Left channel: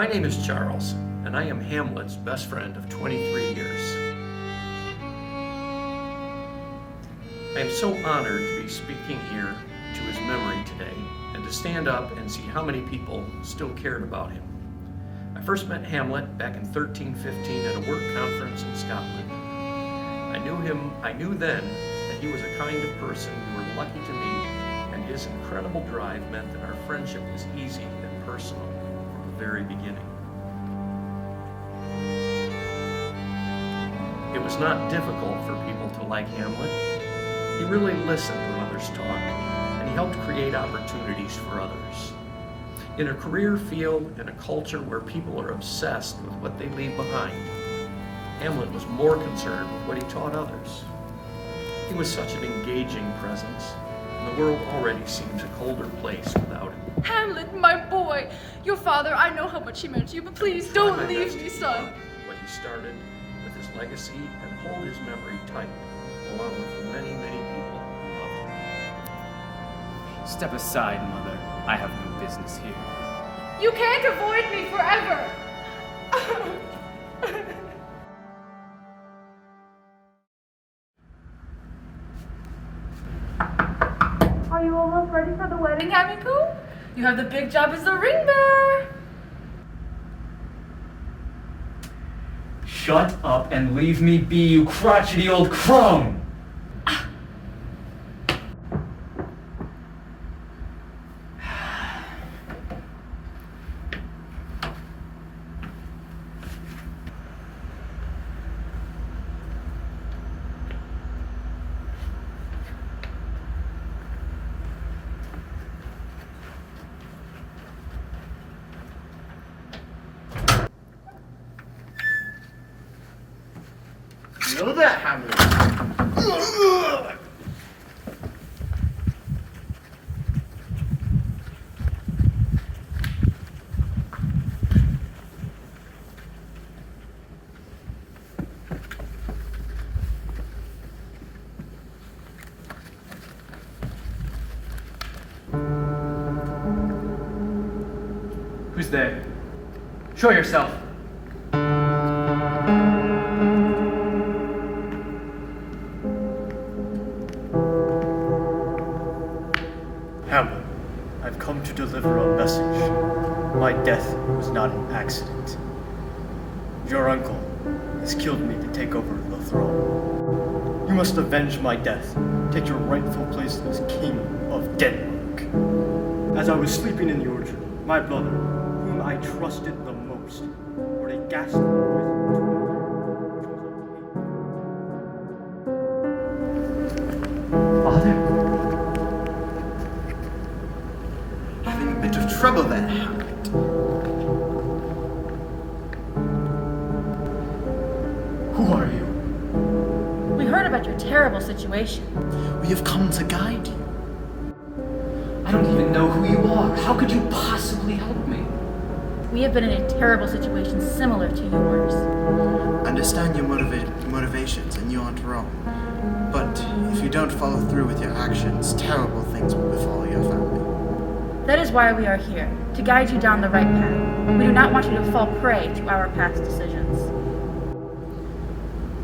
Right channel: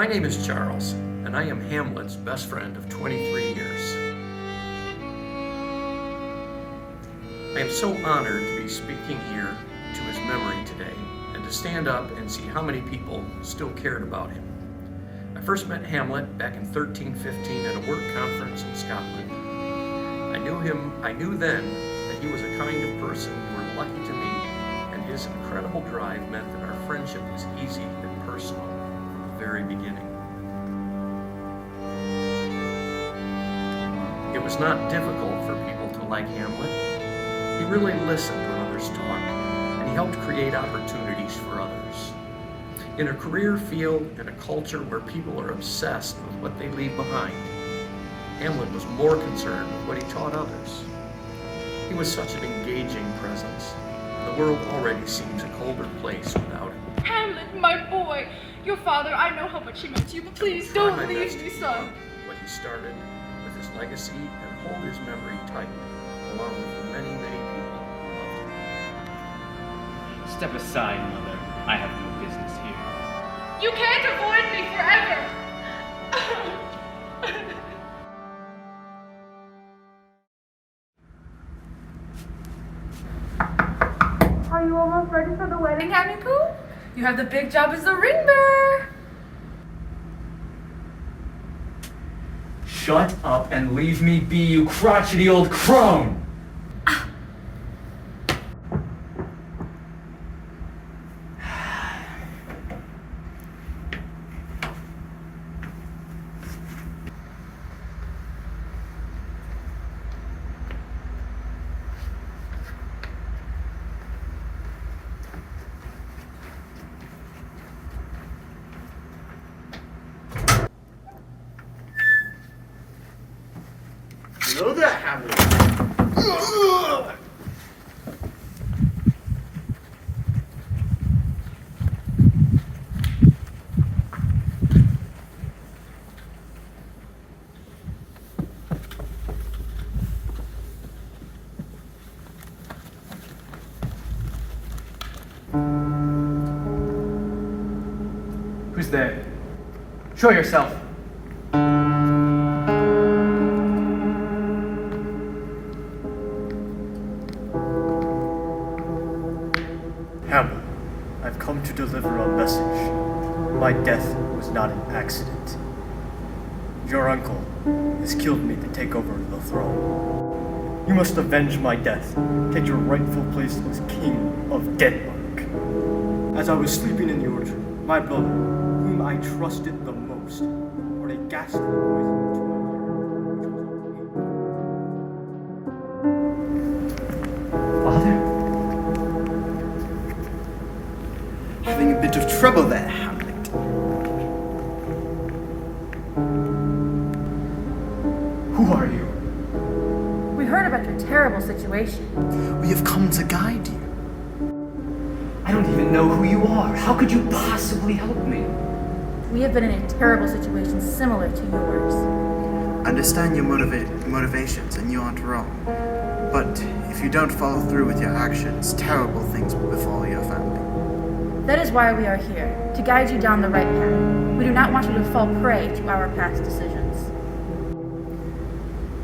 My name is Charles, and I am Hamlet's best friend of 23 years. I am so honored to be speaking here to his memory today and to stand up and see how many people still cared about him. I first met Hamlet back in 1315 at a work conference in Scotland. I knew then that he was a kind of person you were lucky to meet, and his incredible drive meant that our friendship was easy and personal from the very beginning. It was not difficult for people to like Hamlet. He really listened when others talked, and he helped create opportunities for others. In a career field and a culture where people are obsessed with what they leave behind, Hamlet was more concerned with what he taught others. He was such an engaging presence, and the world already seems a colder place without him. Hamlet, my boy! Your father, I know how much he meant to you, but please don't leave me, son. What he started with his legacy and hold his memory tight, along with the many, many people who loved him. Step aside, Mother. I have no business here. You can't avoid me forever! Are you almost ready for the wedding, Abi? You have the big job as the ring bearer. Shut up and leave me be, you crotchety old crone! You know that, Hamlet. Who's there? Show yourself. Hamlet, I've come to deliver a message. My death was not an accident. Your uncle has killed me to take over the throne. You must avenge my death. Take your rightful place as King of Denmark. As I was sleeping in the orchard, my brother, whom I trusted the most, poured a ghastly poison into my ear, Father? Having a bit of trouble there, Hamlet. Who are you? We heard about your terrible situation. We have come to guide you. I don't even know who you are. How could you possibly help me? We have been in a terrible situation similar to yours. Understand your motivations, and you aren't wrong. But if you don't follow through with your actions, terrible things will befall your family. That is why we are here, to guide you down the right path. We do not want you to fall prey to our past decisions.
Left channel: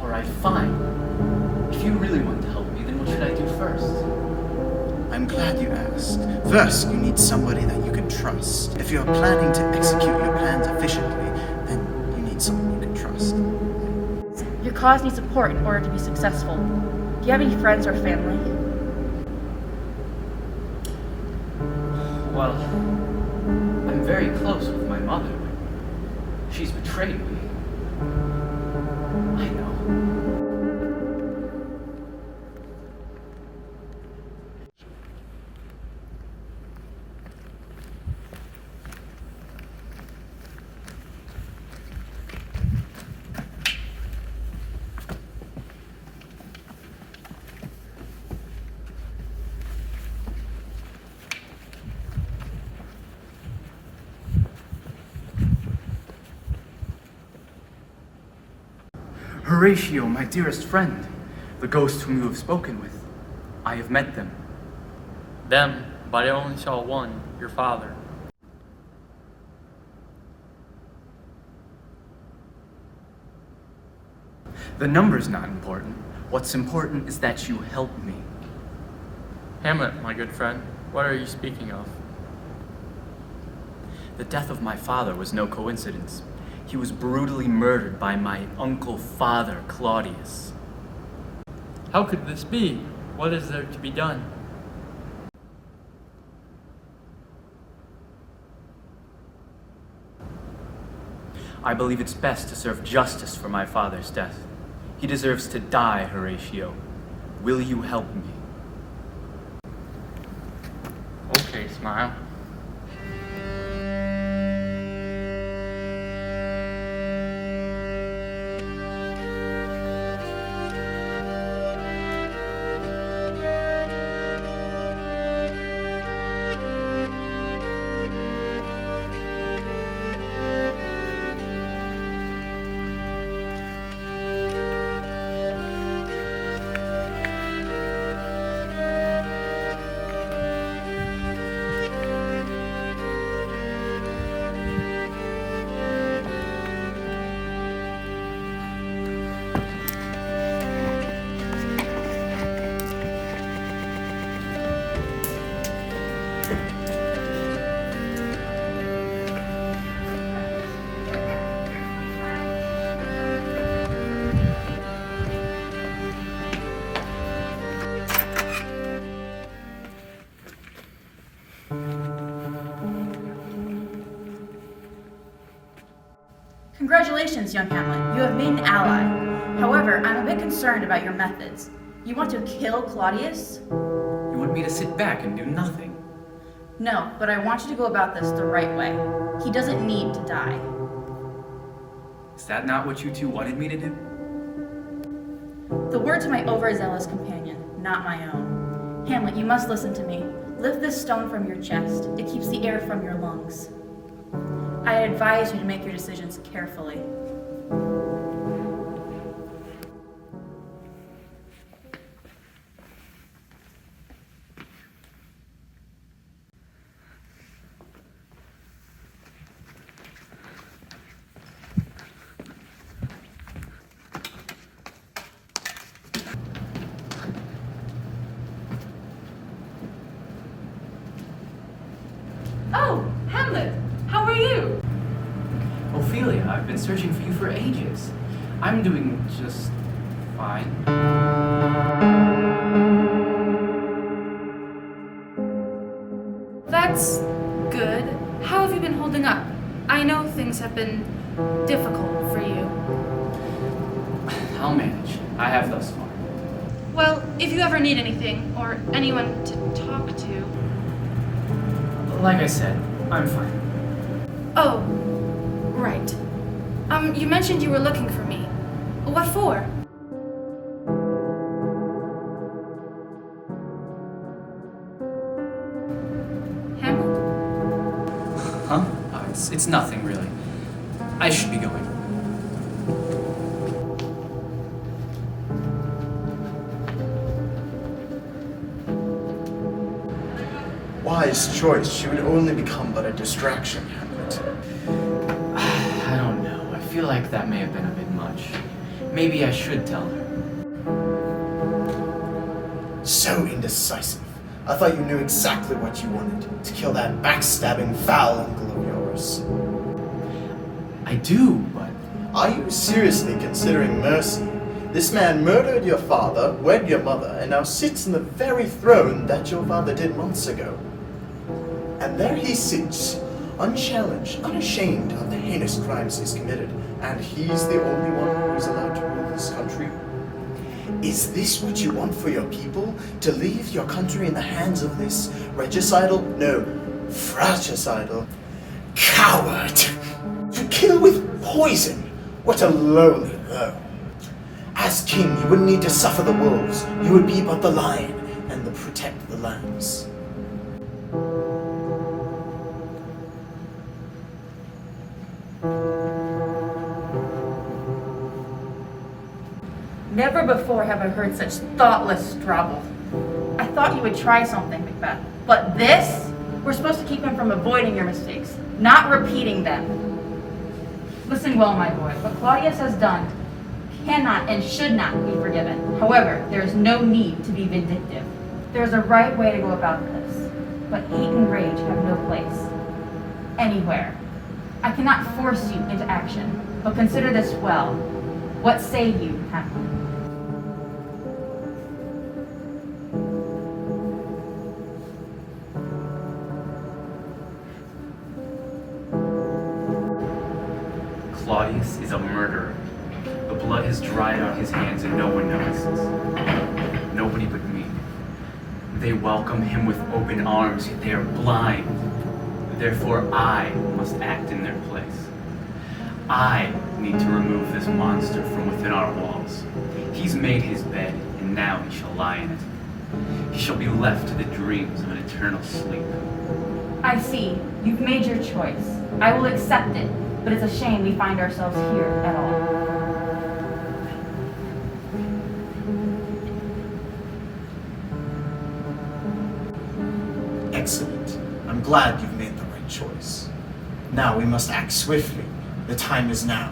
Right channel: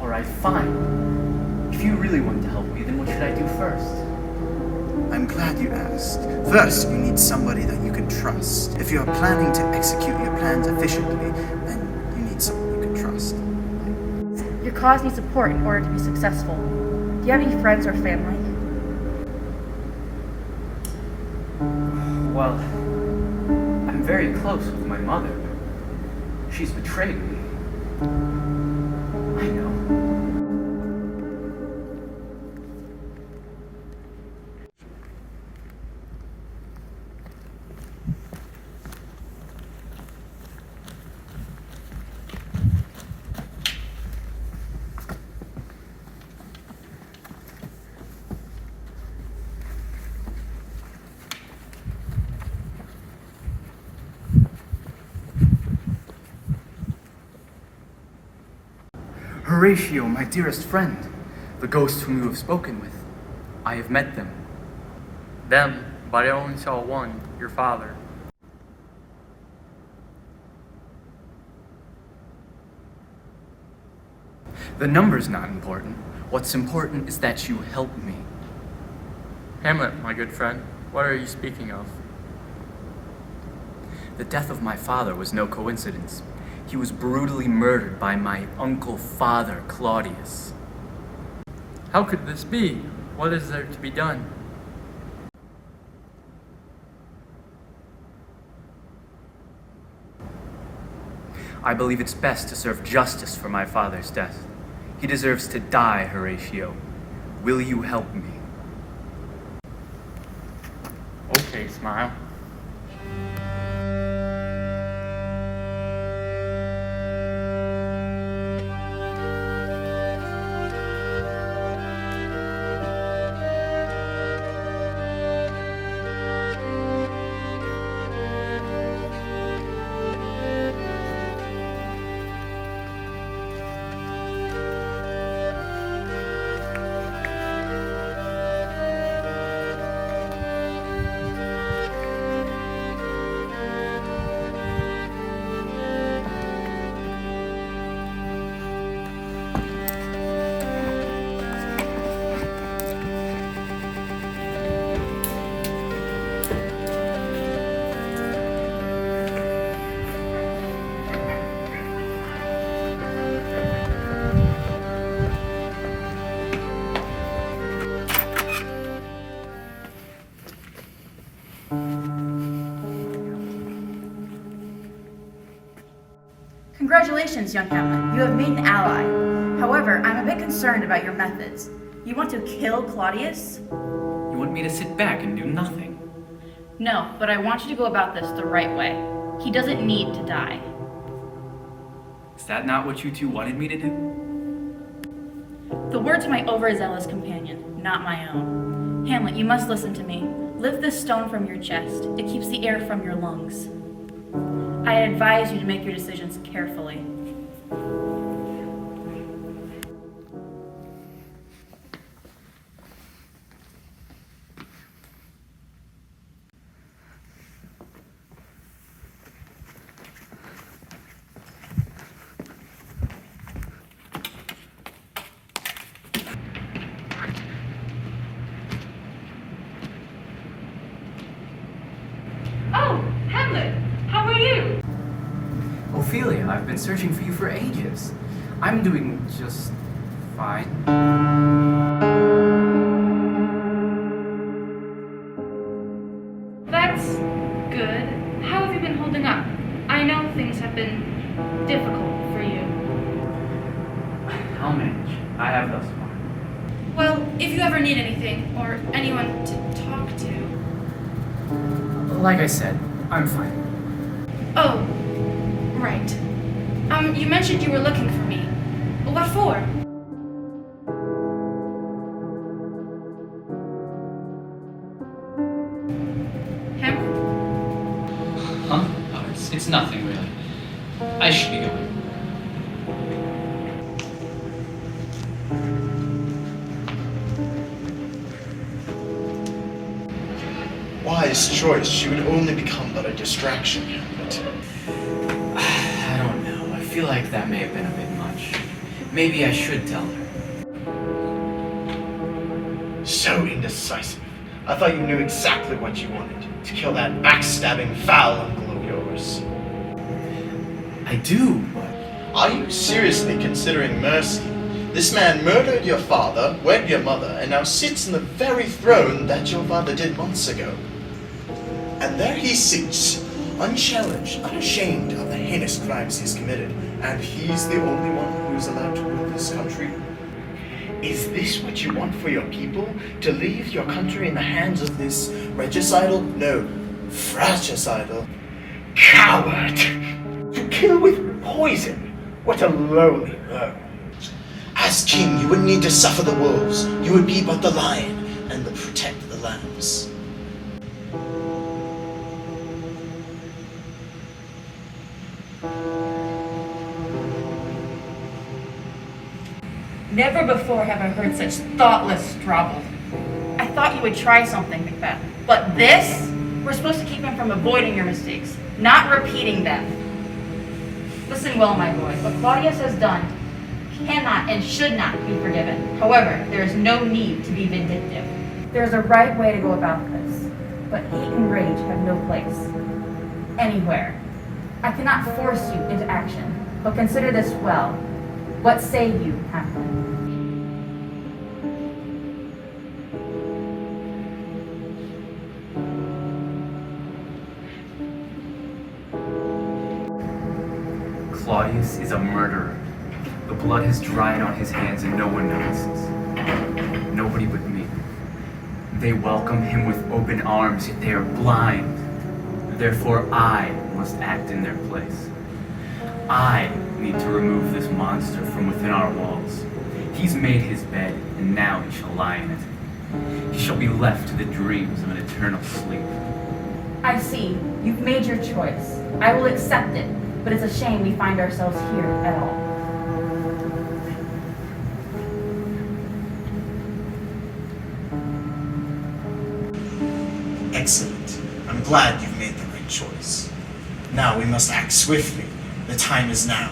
Alright, fine. If you really want to help me, then what should I do first? I'm glad you asked. First, you need somebody that you can trust. If you are planning to execute your plans efficiently, then you need someone you can trust. Your cause needs support in order to be successful. Do you have any friends or family? Well, I'm very close with my mother. She's betrayed me. I know. Horatio, my dearest friend, the ghost whom you have spoken with. I have met them. Them, but I only saw one, your father. The number's not important. What's important is that you help me. Hamlet, my good friend, what are you speaking of? The death of my father was no coincidence. He was brutally murdered by my uncle father, Claudius. How could this be? What is there to be done? I believe it's best to serve justice for my father's death. He deserves to die, Horatio. Will you help me? Okay, Smile. Congratulations, young Hamlet. You have made an ally. However, I'm a bit concerned about your methods. You want to kill Claudius? You want me to sit back and do nothing? No, but I want you to go about this the right way. He doesn't need to die. Is that not what you two wanted me to do? The words of my overzealous companion, not my own. Hamlet, you must listen to me. Lift this stone from your chest. It keeps the air from your lungs. I advise you to make your decisions carefully. Oh, Hamlet, how are you? Ophelia, I've been searching for you for ages. I'm doing just fine. That's good. How have you been holding up? I know things have been difficult for you. I'll manage. I have thus far. Well, if you ever need anything or anyone to talk to. Like I said, I'm fine. Oh, right. You mentioned you were looking for me. What for? Hamlet? Huh? It's nothing, really. I should be going. Wise choice. She would only become but a distraction, Hamlet. I don't know. I feel like that may have been a bit much. Maybe I should tell her. So indecisive. I thought you knew exactly what you wanted. To kill that backstabbing, foul uncle of yours. I do, but... Are you seriously considering mercy? This man murdered your father, wed your mother, and now sits in the very throne that your father did months ago. And there he sits, unchallenged, unashamed of the heinous crimes he's committed, and he's the only one who is allowed to rule this country. Is this what you want for your people? To leave your country in the hands of this regicidal, no, fratricidal coward? To kill with poison? What a lowly blow. As king, you wouldn't need to suffer the wolves. You would be but the lion and protect the lambs. Never before have I heard such thoughtless strobble. I thought you would try something, Macbeth. But this? We're supposed to keep him from avoiding your mistakes, not repeating them. Listen well, my boy. What Claudius has done, cannot and should not be forgiven. However, there is no need to be vindictive. There is a right way to go about this, but hate and rage have no place anywhere. I cannot force you into action, but consider this well. What say you, Hamlet? Claudius is a murderer. The blood has dried on his hands and no one notices. Nobody but me. They welcome him with open arms, yet they are blind. Therefore, I must act in their place. I need to remove this monster from within our walls. He's made his bed, and now he shall lie in it. He shall be left to the dreams of an eternal sleep. I see. You've made your choice. I will accept it, but it's a shame we find ourselves here at all. Excellent. I'm glad you've made the right choice. Now we must act swiftly. The time is now.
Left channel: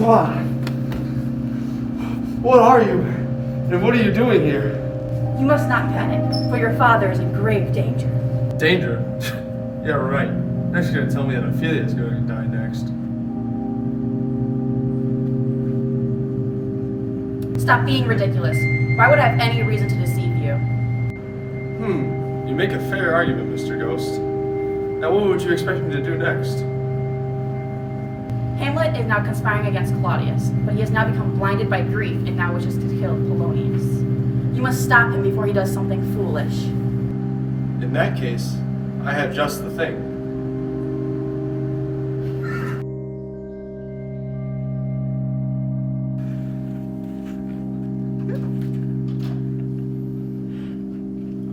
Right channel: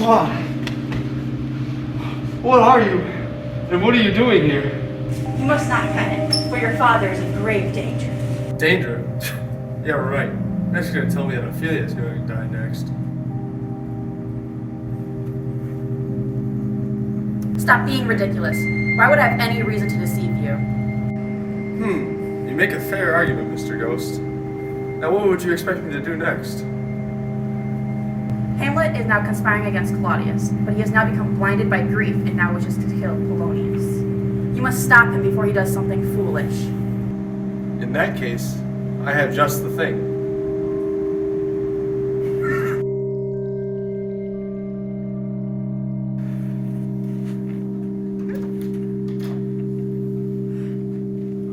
Why? What are you? And what are you doing here? You must not panic, for your father is in grave danger. Danger? Yeah, right. Next you're gonna tell me that Ophelia's going to die next. Stop being ridiculous. Why would I have any reason to deceive you? You make a fair argument, Mr. Ghost. Now what would you expect me to do next? Hamlet is now conspiring against Claudius, but he has now become blinded by grief and now wishes to kill Polonius. You must stop him before he does something foolish. In that case, I have just the thing.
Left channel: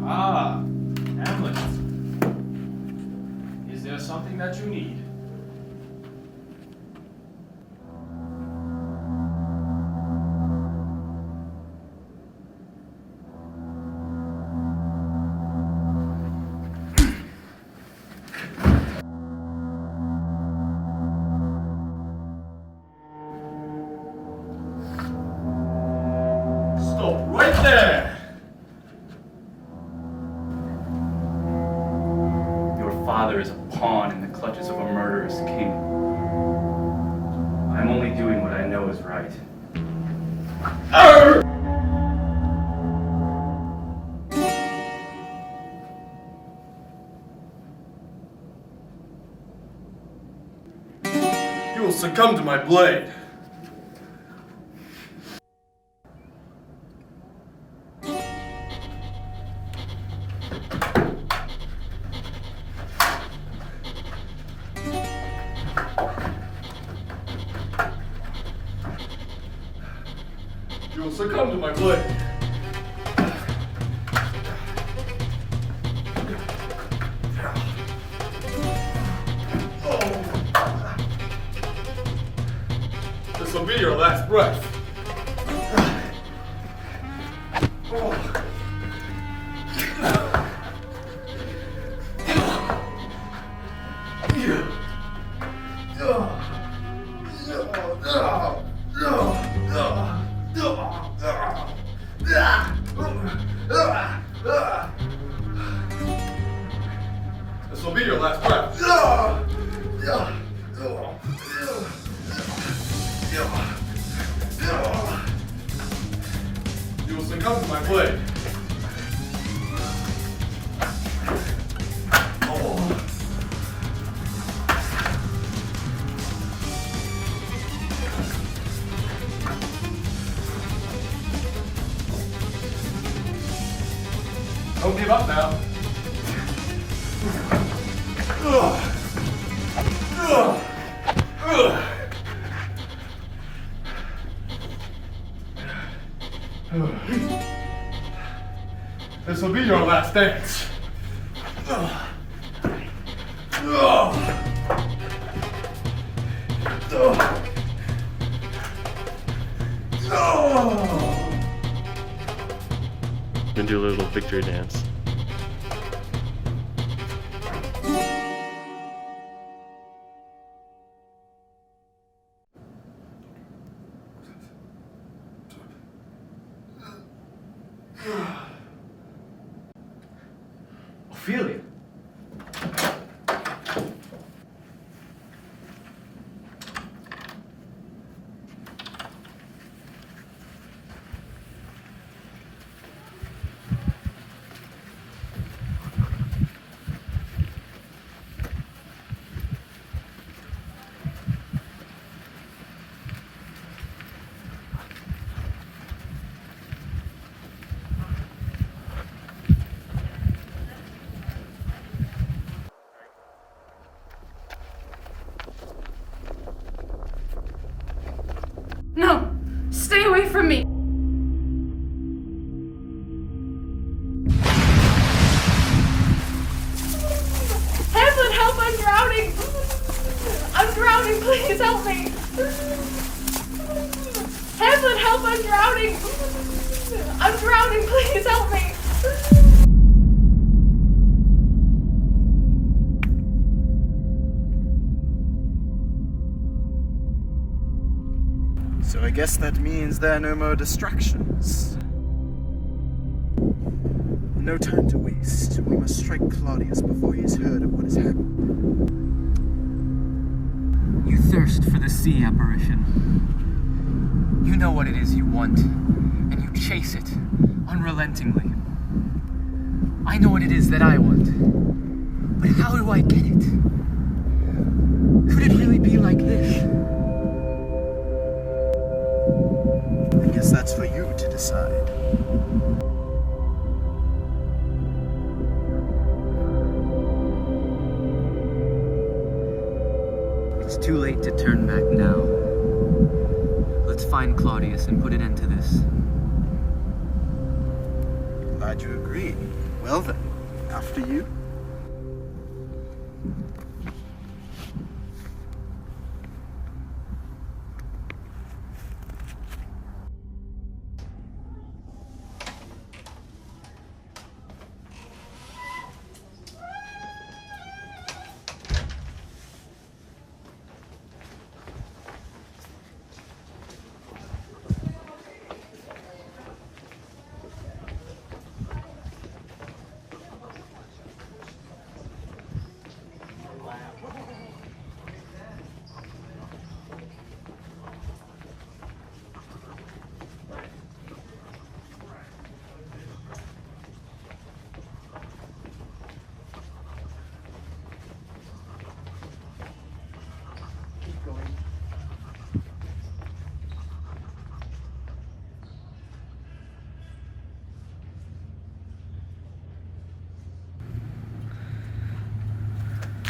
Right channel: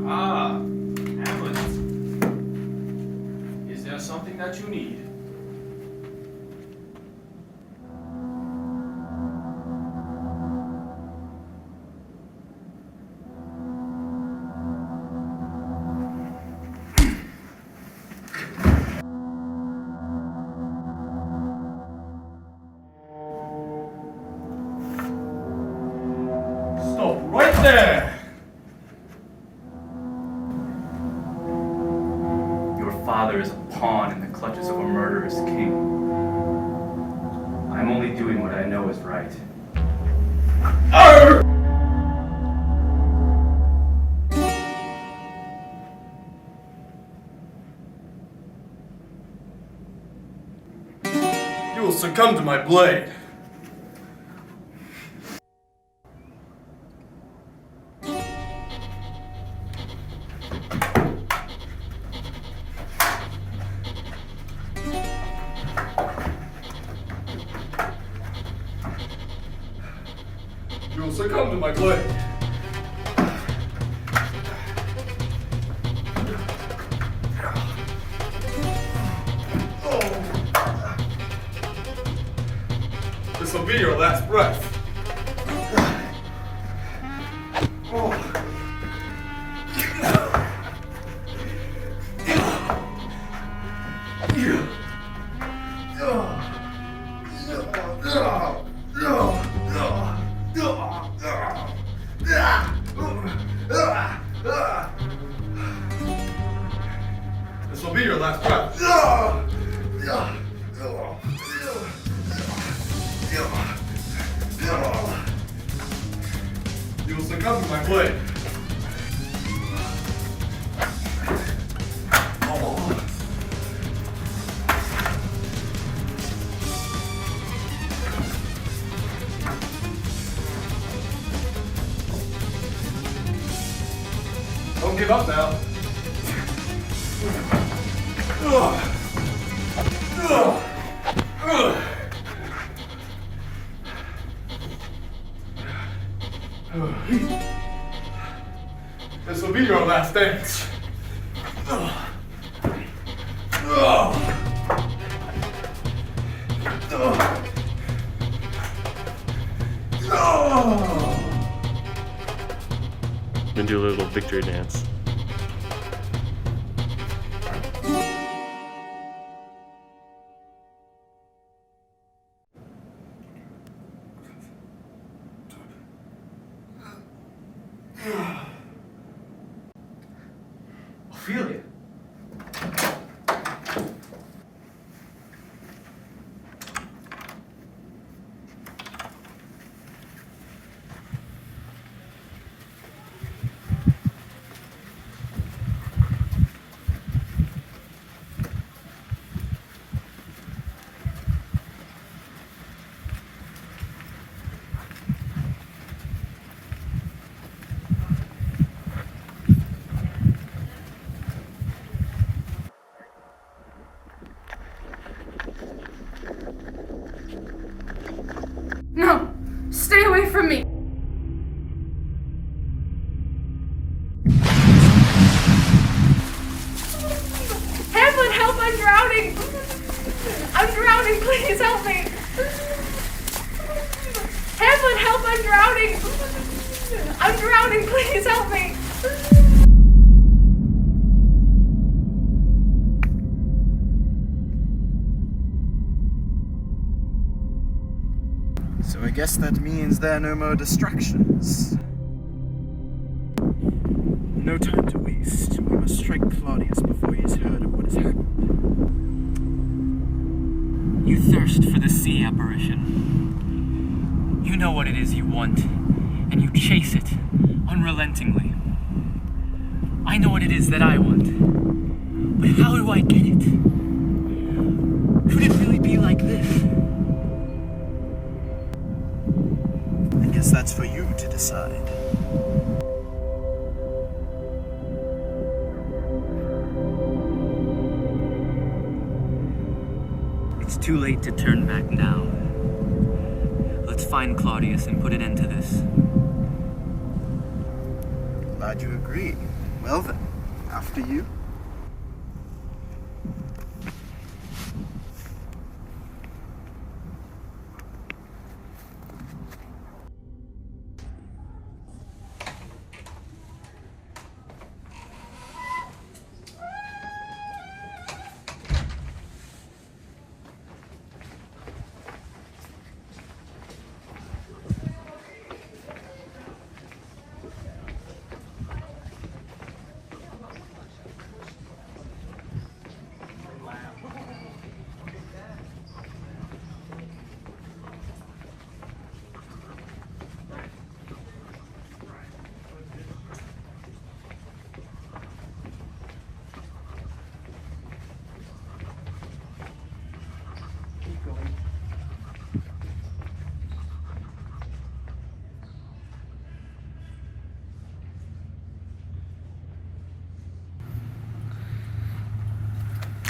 Ah, Hamlet. Is there something that you need? Stop right there! Your father is a pawn in the clutches of a murderous king. I'm only doing what I know is right. You will succumb to my blade. You will succumb to my blade. This will be your last breath. This will be your last breath. You will succumb to my blade. Don't give up now. This will be your last dance. Then do a little victory dance. Ophelia. No! Stay away from me! Hamlet, help! I'm drowning! I'm drowning! Please help me! Hamlet, help! I'm drowning! I'm drowning! Please help me! So I guess that means there are no more distractions. No time to waste. We must strike Claudius before he has heard of what has happened. You thirst for the sea apparition. You know what it is you want, and you chase it unrelentingly. I know what it is that I want, but how do I get it? Could it really be like this? I guess that's for you to decide. It's too late to turn back now. Let's find Claudius and put an end to this. Glad you agree. Well then, after you.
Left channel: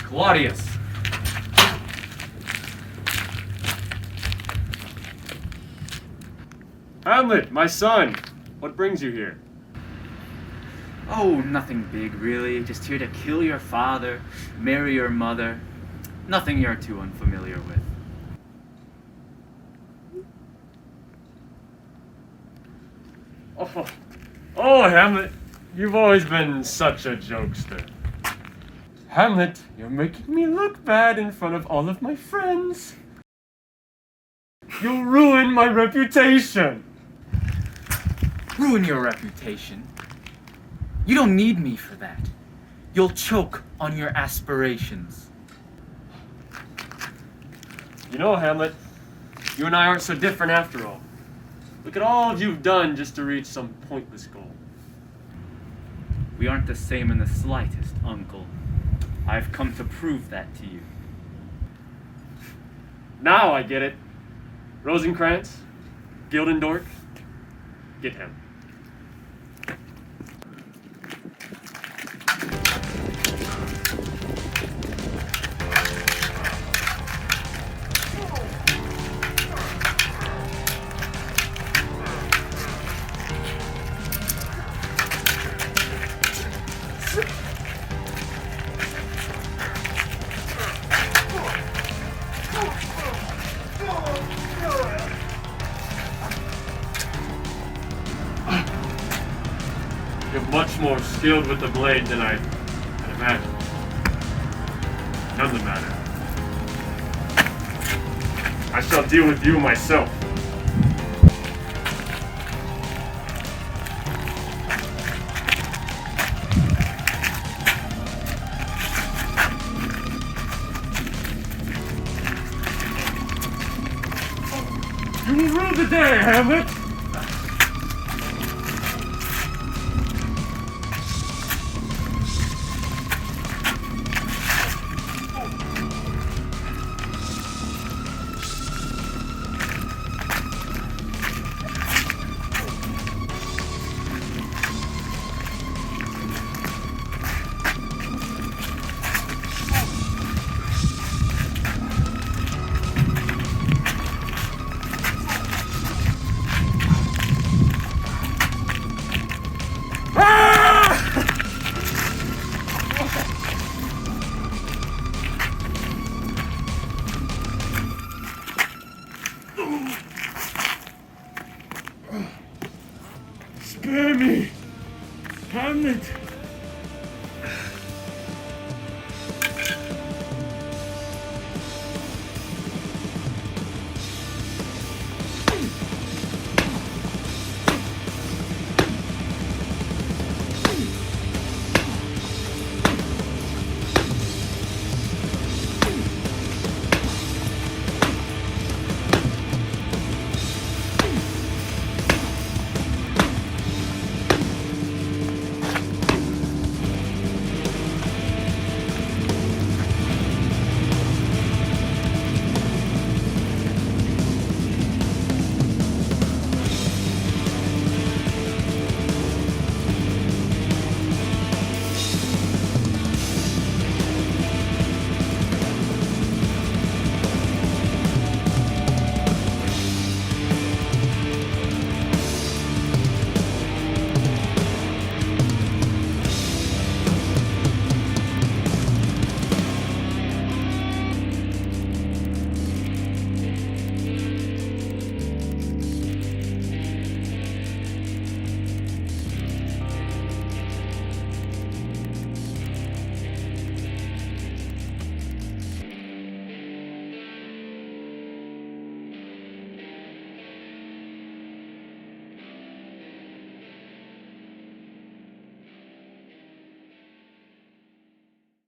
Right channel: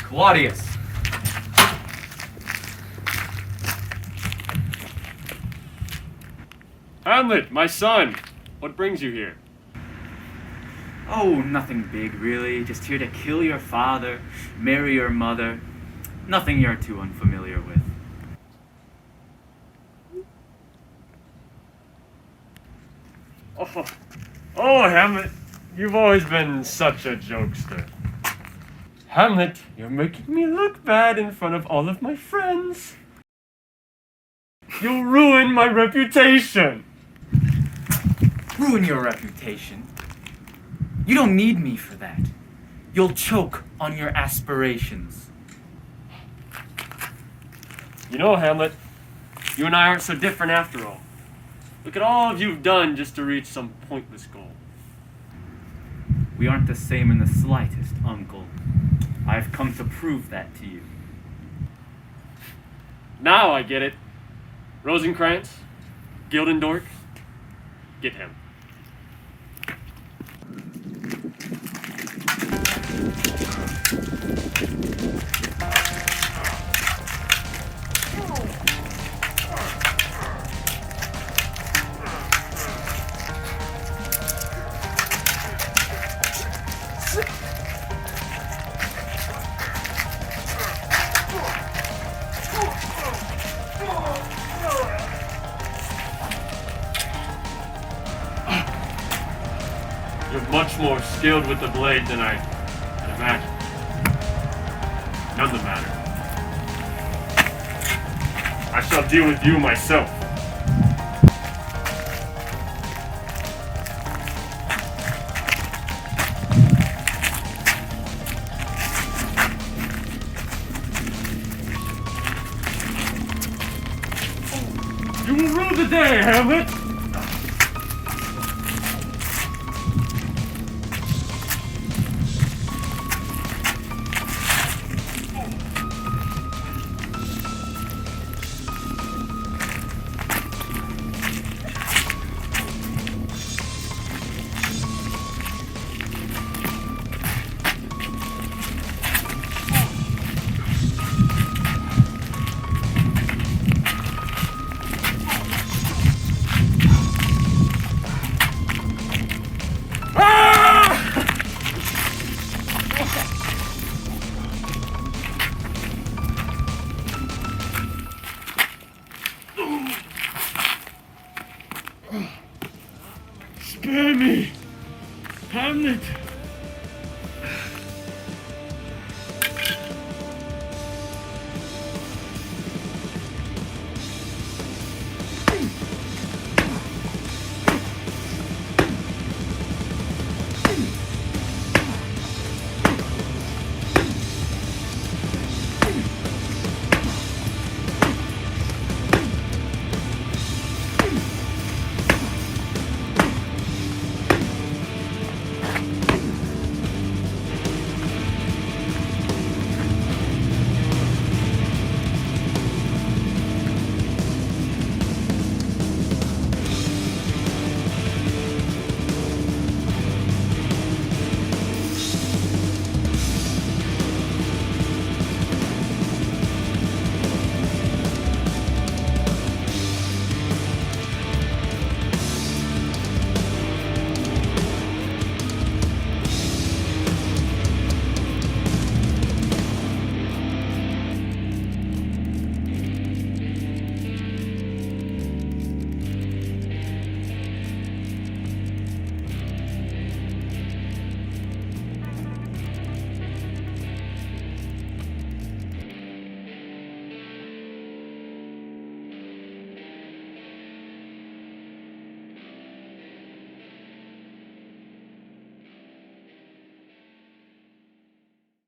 Claudius! Hamlet, my son! What brings you here? Oh, nothing big, really. Just here to kill your father, marry your mother. Nothing you're too unfamiliar with. Oh, Hamlet, you've always been such a jokester. Hamlet, you're making me look bad in front of all of my friends. You'll ruin my reputation. Ruin your reputation? You don't need me for that. You'll choke on your aspirations. You know, Hamlet, you and I aren't so different after all. Look at all you've done just to reach some pointless goal. We aren't the same in the slightest, Uncle. I've come to prove that to you. Now I get it. Rosencrantz, Gildendork, get him. You're much more skilled with the blade than I had imagined. None the matter. I shall deal with you myself. You will rule the day, Hamlet! Spare me, Hamlet!